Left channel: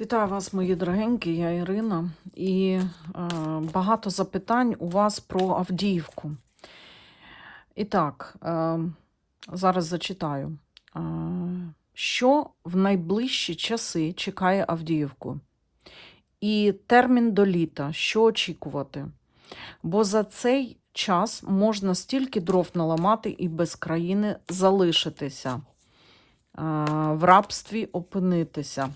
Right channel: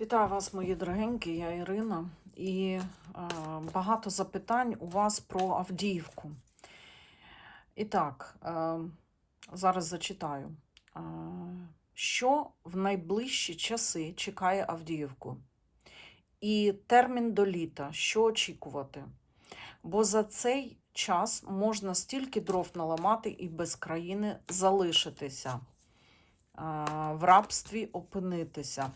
Вітаю вас, мої дорогенькі, я Ірина. І е, багато запитань у вас про Авдіївку. І так, е, зараз зачитаю. Е, що в найближчі часи чекає Авдіївку? І термін до літа, що очікувати? Бо за цей час можна стільки дров наламати і без країни залишитися, в рабстві опинитися.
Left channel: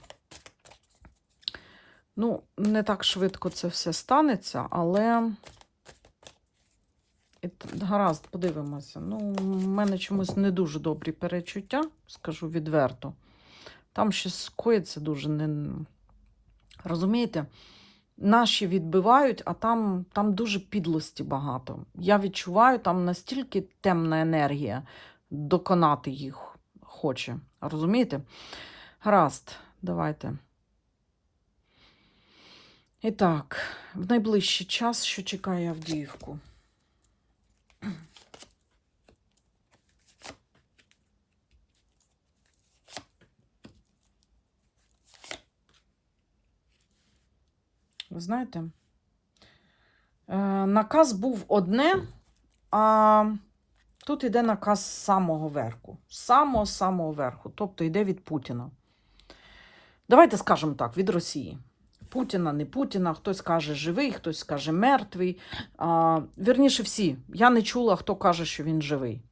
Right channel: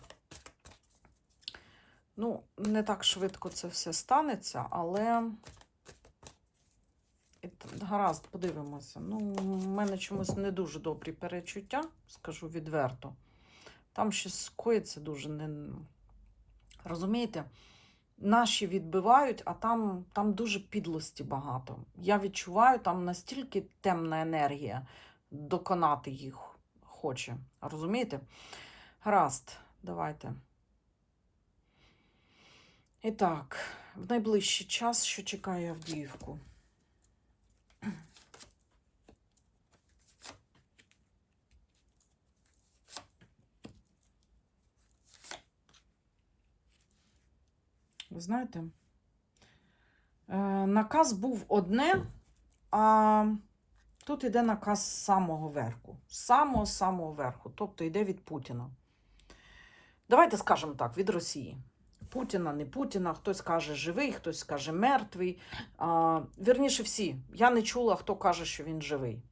Ну, не так швидко це все станеться, але гаразд, подивимося. Ну, в мене чомусь не дуже добрі перечуття, скажу відверто. Там щось скоїться дуже не. Розумієте? Наші відбивають, а там, там дуже підлості багато. Я відчуваю, там настільки темна енергія доконати їх хоче. Розумієте? Гаразд, давайте. І так, в найближчий час, що чекає Авдіївку? Ви знаєте, е, наказ був одне, а тут йде наказ з самого верху. З самого-самого верху. Тобто йде від Путіна. Давайте скажемо так, від Росії. Путіна, не Путіна, хтось каже живий, хтось каже мертвий. А, вірніше всі. Я не чула, хто каже, що він живий.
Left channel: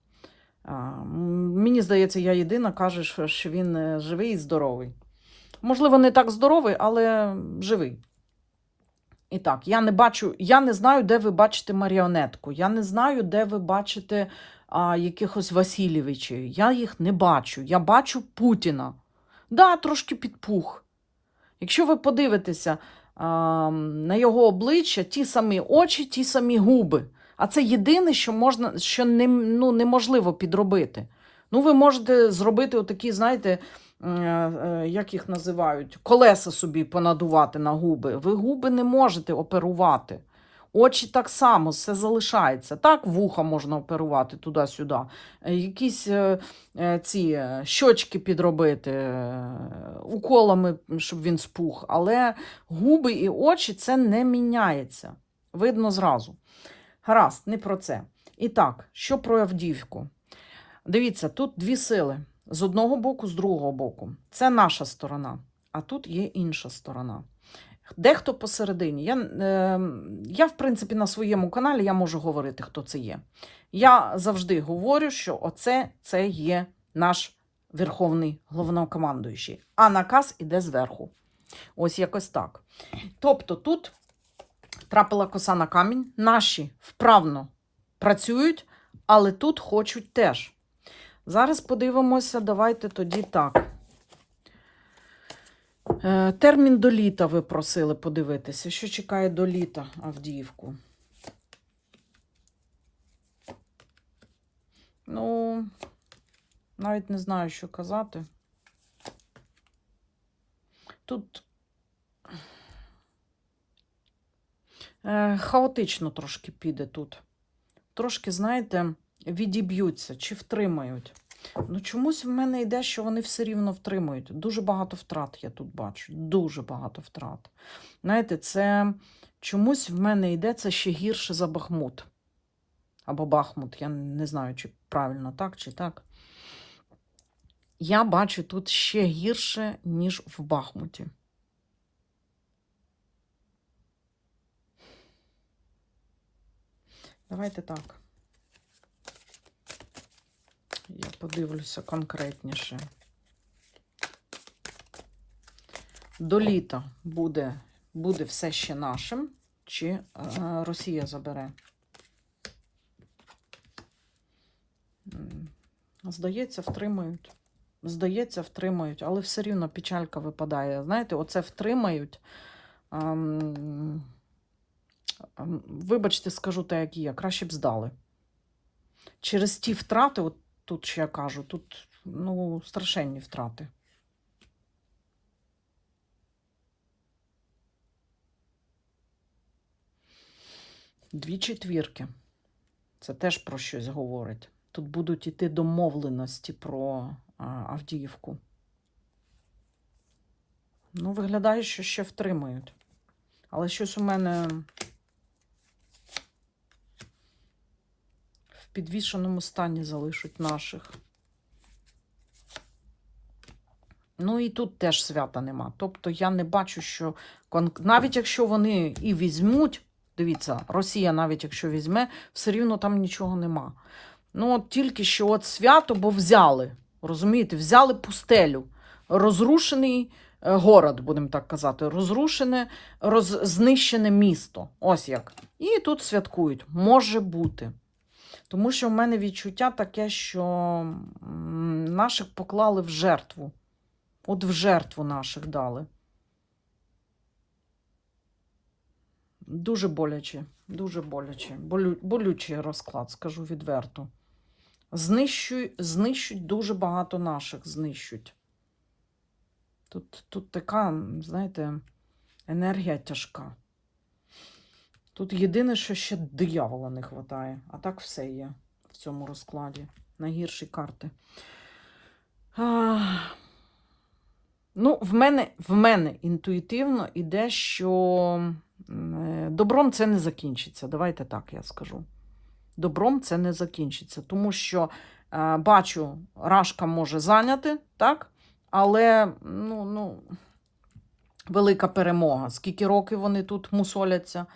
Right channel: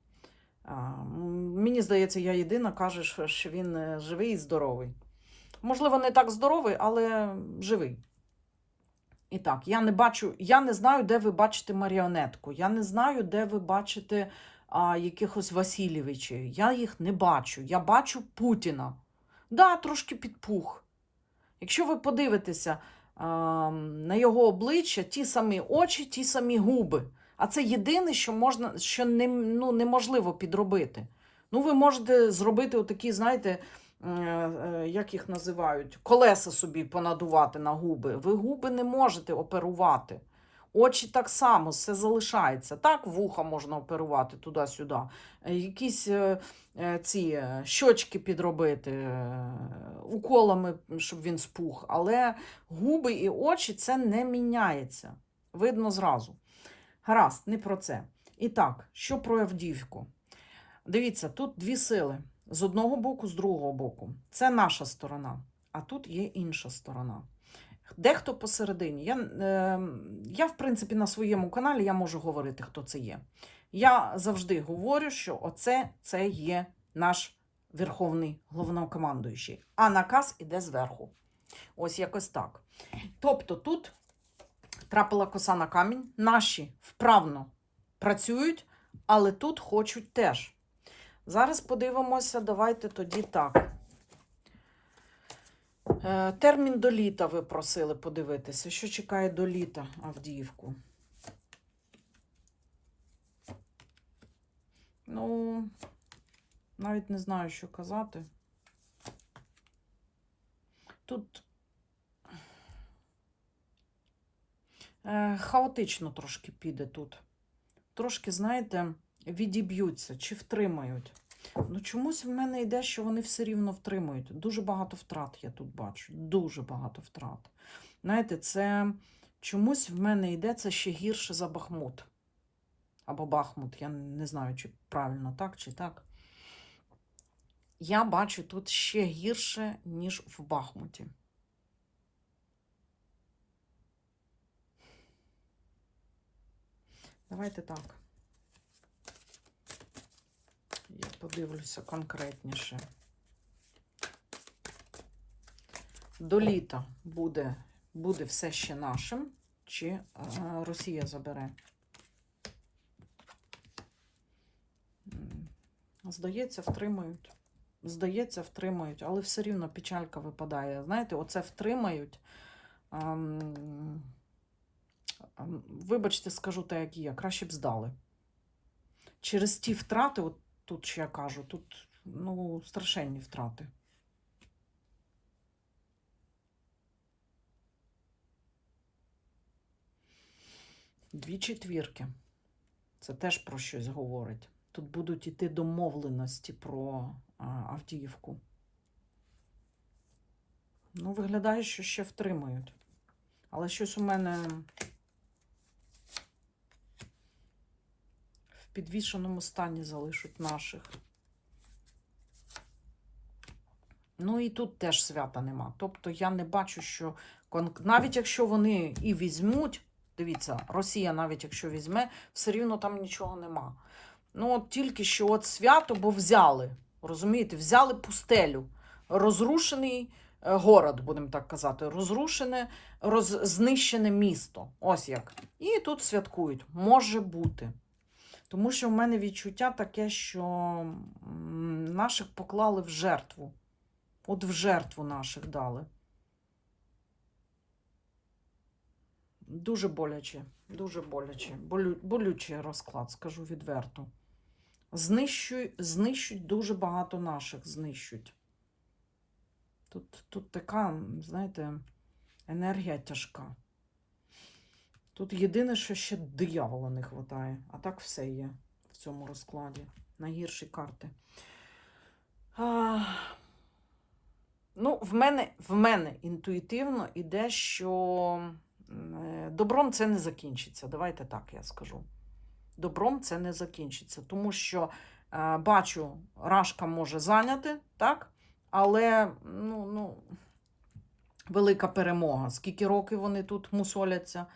А, мені здається, я єдина каже, що- він е, живий і здоровий. Можливо, не так здоровий, але живий. І так, я не бачу, я не знаю, де ви бачите маріонетку. Я не знаю, де ви бачите а, якихось Васильєвичів. Я їх не бачу. Я бачу Путіна. Да, трошки підпух. Якщо ви подивитеся а, на його обличчя, ті самі очі, ті самі губи. А це єдине, що можна, що не, ну, неможливо підробити. Ну, ви можете зробити отакі, знаєте, е, е, як їх називають, колеса собі понадувати на губи. Ви губи не можете оперувати. Очі так само, все залишається. Так, вуха можна оперувати туди-сюди. Е, Якісь е, е, ці щочки підробити уколами, щоб він спух. Але губи і очі це не міняється. Видно зразу. Гаразд, не про це. І так, що про Авдіївку? Дивіться, тут дві сили. З одного боку, з другого боку. Це наша сторона, а тут є інша сторона. Дехто посередині. Я, е, я, в принципі, на своєму каналі я можу говорити, хто це є. Я завжди говорю, що оце це є наш верховний головнокомандуючий, а наказ іде зверху. Ось якось так. Тобто тут трапила коса на камінь, наші вправно працюють, але тут хочуть теж. Зараз подивимося, давайте тоді так. Е, Термін до літа ви просили подивитися. Що чекає до літа Авдіївку? Ну, навіть не знаю, що казати. Тут е, хаотично трошки піде тут. Трошки, знаєте, відіб'ються чи втримають. Ну, чомусь в мене йде, що вони все рівно втримують. Дуже багато втрат я тут бачу. Дуже багато втрат. Знаєте, це чомусь в мене йде це ще гірше за Бахмут. Або Бахмут. Я не знаю, чи правильно так, чи так. Я бачу тут ще гірше, ніж в Бахмуті. Давайте так. Я подивлюся конкретніше. До літа буде, буде все ще нашим, чи е, Росія забере? Здається, втримають. Здається, втримають, але все рівно печалька випадає. Знаєте, оце втримають. ем, ем, Вибачте, скажу те, як є, краще б здали. Через ті втрати, от тут ще я кажу, тут ну, страшенні втрати. Дві четвірки. Це теж про щось говорить. Тут будуть іти домовленості про а, Авдіївку. Ну, виглядає, що ще втримують. Але щось у мене підвішеному стані залишать наших. Ну і тут теж свята нема. Тобто я не бачу, що навіть якщо вони і візьмуть, дивіться, Росія навіть якщо візьме, все рівно там нічого нема. Ну, от тільки що от свято, бо взяли. Розумієте, взяли пустелю, розрушений е, город, будемо так казати, розрушене, роз, знищене місто. Ось як. І тут святкують. Може бути. Тому що в мене відчуття таке, що наших поклали в жертву. От в жертву наших дали. Дуже боляче, дуже боляче. Болю, болючий розклад, скажу відверто. Знищують, знищують дуже багато наших, знищують. Тут, тут така, знаєте, енергія тяжка. Тут єдине, що ще диявола не вистачає, а так все є в цьому розкладі. Найгірші карти. А, ну, в мене, в мене інтуїтивно іде, що е, добром це не закінчиться. Давайте так я скажу. Добром це не закінчиться, тому що е, бачу, Рашка може зайняти, так? Але ну, ну, велика перемога. Скільки років вони тут мусоляться.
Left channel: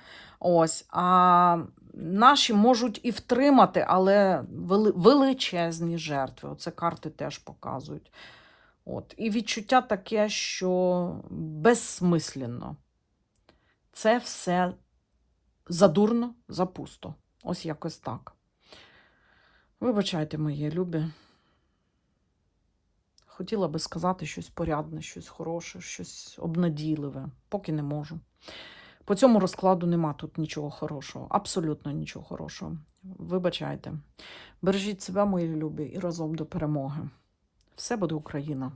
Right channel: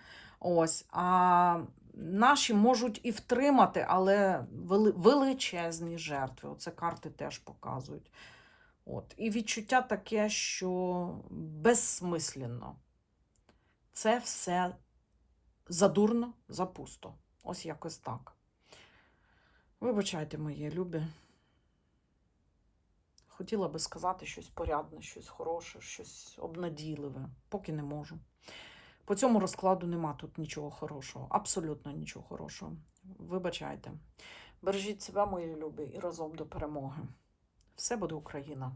Ось. А наші можуть і втримати, але величезні жертви. Оце карти теж показують. От. І відчуття таке, що безсмисленно. Це все задурно, запусто. Ось якось так. Вибачайте, мої любі. Хотіла би сказати щось порядне, щось хороше, щось обнадійливе, поки не можу. По цьому розкладу нема тут нічого хорошого, абсолютно нічого хорошого. Вибачайте. Бережіть себе, мої любі, і разом до перемоги. Все буде Україна!